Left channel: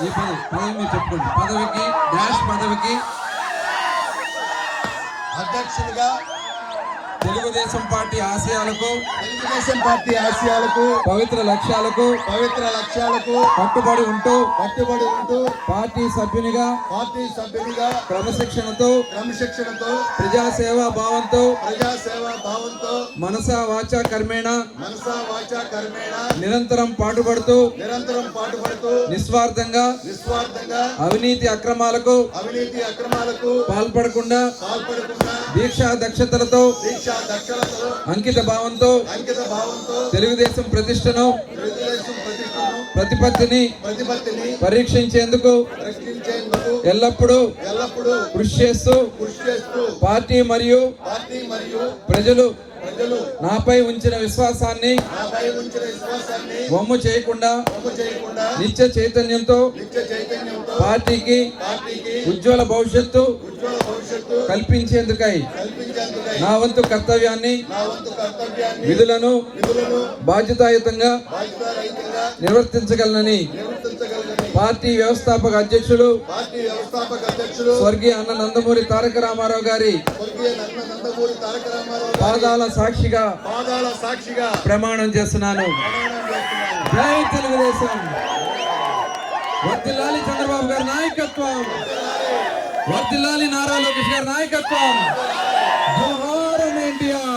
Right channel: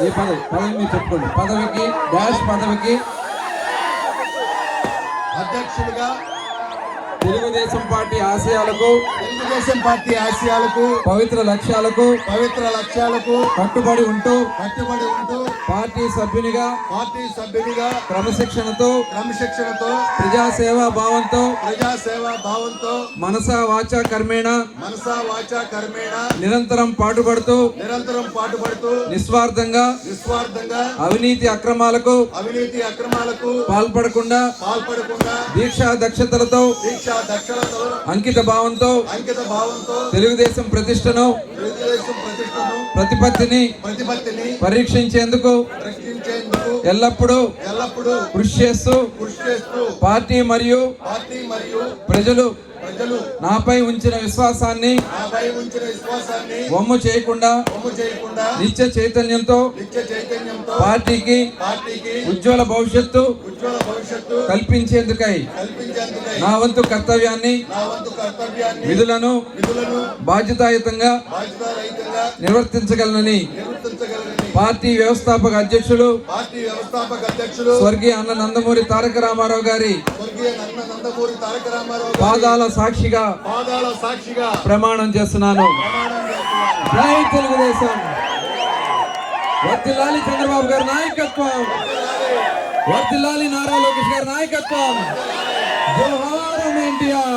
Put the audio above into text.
ఏ పదవి మీరు చెప్పుకోండి. పదవికి డాష్ పదవికి అధ్యక్షుడిగా తెలుగుదేశం పార్టీ ఆశయాలకు పవిత్ర లక్ష్యాలకు కట్టుబడి ఉంటూ పార్టీ సభ్యునిగా క్రమశిక్షణతో ప్రజాసేవా భావంతో మనసా వాచా కర్మేణ నిరంతరం పాటుపడుతూ నిస్వార్థంగా అవినీతి అక్రమాలకు పాల్పడకుండా దీక్షా దక్షతలతో అంకిత భావంతో తెలుగుదేశం ప్రతిష్టను ప్రతిపత్తిని పరీక్షించేందుకు ఎల్లప్పుడూ కృషి చేస్తూ పార్టీ మరియు ప్రజలు నాపై ఉంచిన విశ్వాసాన్ని వమ్ము చేయకుండా నిత్య చైతన్యంతో పార్టీకి ఉజ్వల భవిష్యత్తు కల్పించేందుకై నా వంతు కర్తవ్యాన్ని విధులను బాధ్యతాయుతంగా నిర్వర్తించగలనని పార్టీ వ్యవస్థాపక అధ్యక్షులు స్వర్గీయ అన్న నందమూరి తారక రామారావు గారి పాదాల సాక్షిగా ప్రమాణం చేస్తున్నాను. జై తెలుగుదేశం. వర్ధిల్లాలి చంద్రబాబు గారి నాయకత్వం, వర్ధిల్లాలి నారా లోకేష్ గారి నాయకత్వం. జోహార్ ఎన్టీఆర్.